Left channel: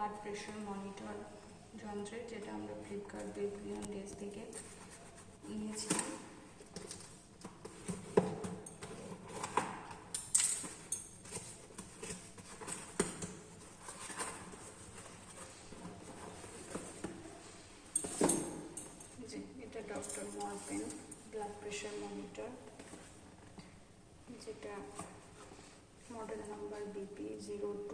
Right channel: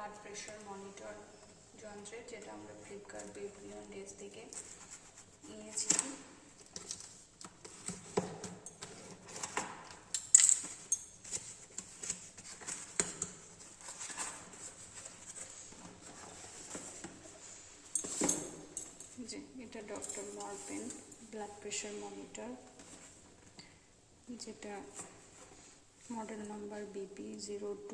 Blood pressure monitor যন্ত্রের, যেটা আমরা ফ্লিপকার্ট বেবিলিয়ন ডেজ থেকে নিয়েছিলাম। এটা ডক্টর মরপেন ব্লাড প্রেশার মনিটর, যেটা মডেল নাম্বার BP02।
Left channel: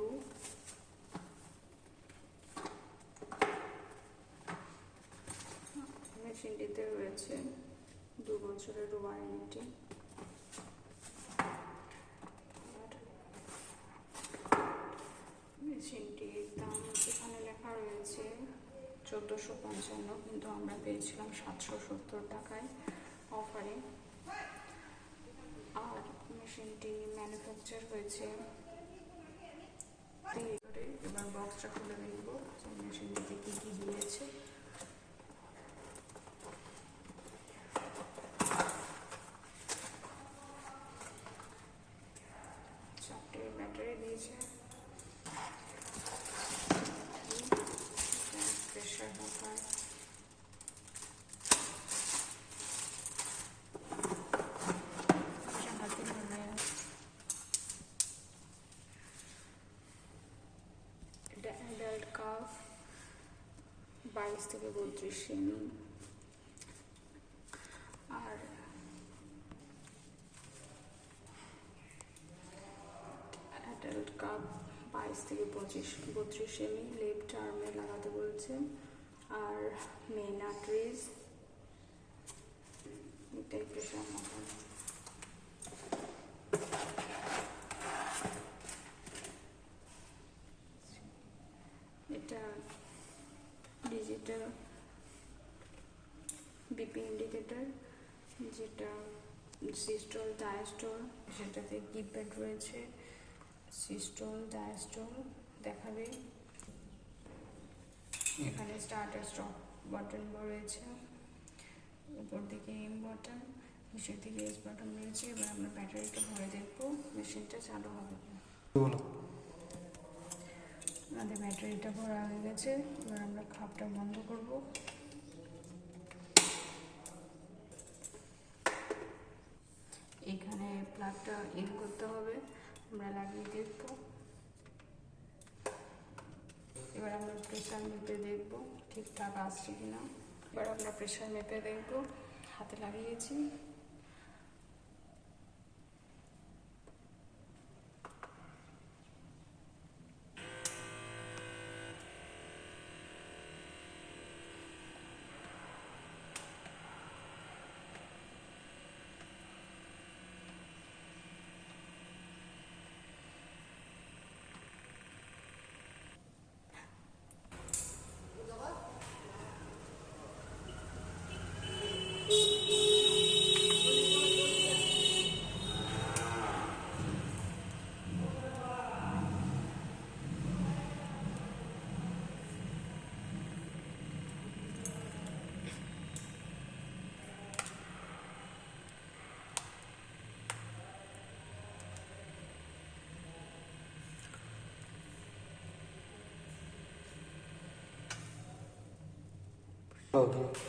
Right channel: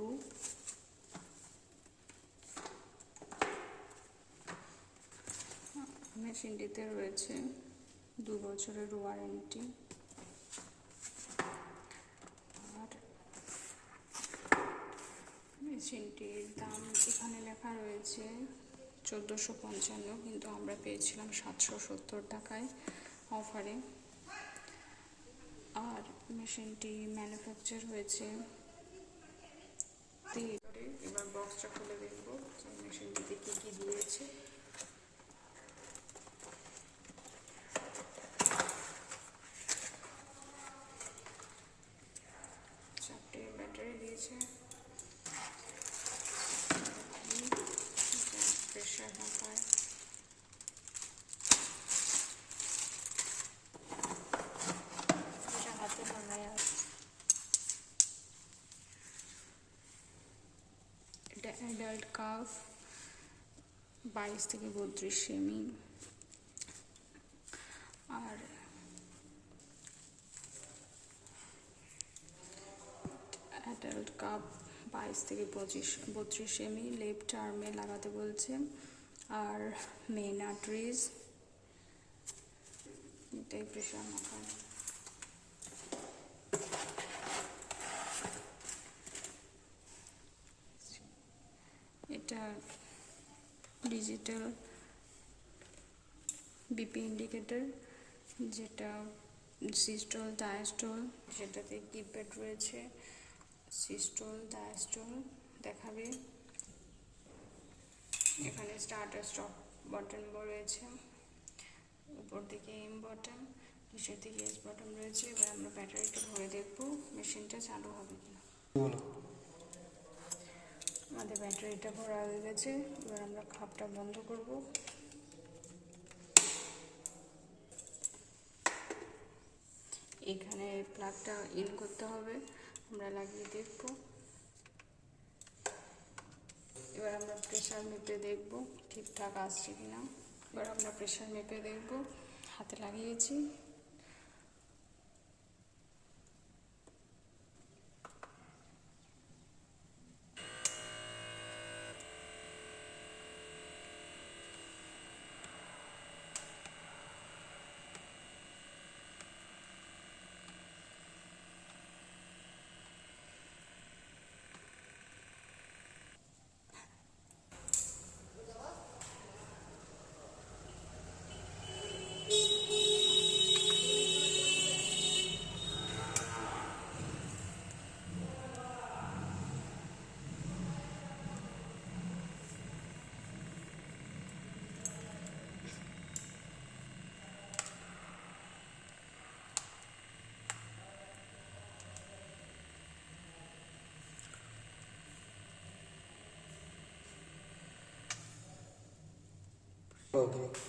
মেশিনটিতে রয়েছে 2 বছরের ওয়ারেন্টি। আর মেশিনটির দাম এখানে লেখা রয়েছে 1455, কিন্তু আমরা পেয়েছিলাম 770 টাকায় অফারে। আর মেশিনটি ম্যানুফ্যাকচার হয়েছে। এবার বক্সটা খুলে দেখবো যে মেশিনটিতে কী কী দিয়েছে। চারটে ব্যাটারি দিয়েছে, প্রেশার মাপার, হাতে নামায়, এটা অ্যাডাল্ট কাফ 22 থেকে 32 সেমি। আর অ্যাডাল্ট কাপ 22 থেকে 32 সেমি লেফট আর্মে লাগাতে বলছে। আর মেন আর্টারিজ, এটাই প্রেশার মাপার। এটা ডিজিটাল বিপি ইন্ডিকেটর, যেটা সিস্টল ডায়াস্টল, সেটাতে কিপ্যাড রয়েছে। সিস্টল ডায়াস্টল দেখাবে। এখানে স্টার্ট আর স্টপ বাটন রয়েছে, উপর দিকে এম বাটন, নিচের দিকে এস বাটন রয়েছে। এবার আমরা ব্যাটারিটা ভরে দেখবো মেশিনটা চালু হবে কিনা। আমাদের ব্যাটারিটা ভরা হয়ে গেছে। এবার আমরা খাপটা বন্ধ করব। এখানে প্লাগটা ইন করতে হবে, আমরা লাগিয়ে দেখব। এবার আমরা প্রেশার মেপে দেখব ঠিকঠাক আসছে কিনা। এবার আমরা প্রেশার মেপে দেখব, হাতে লাগিয়েছি।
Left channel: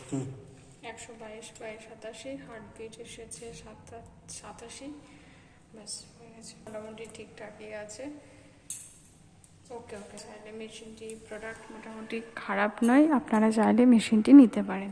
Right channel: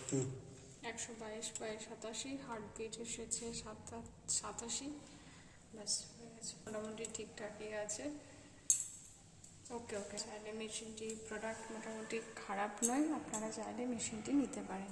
হুম 122/87, হার্টবিট এসেছে 87। ব্যাস হয়ে গেছে, মোটামুটি ঠিকঠাকই আছে। ওকে, চাইলে মেশিনটি প্রোডাক্ট মোটামুটি খারাপ নয়, আপনারা চাইলে মেশিনটি নিতে পারেন।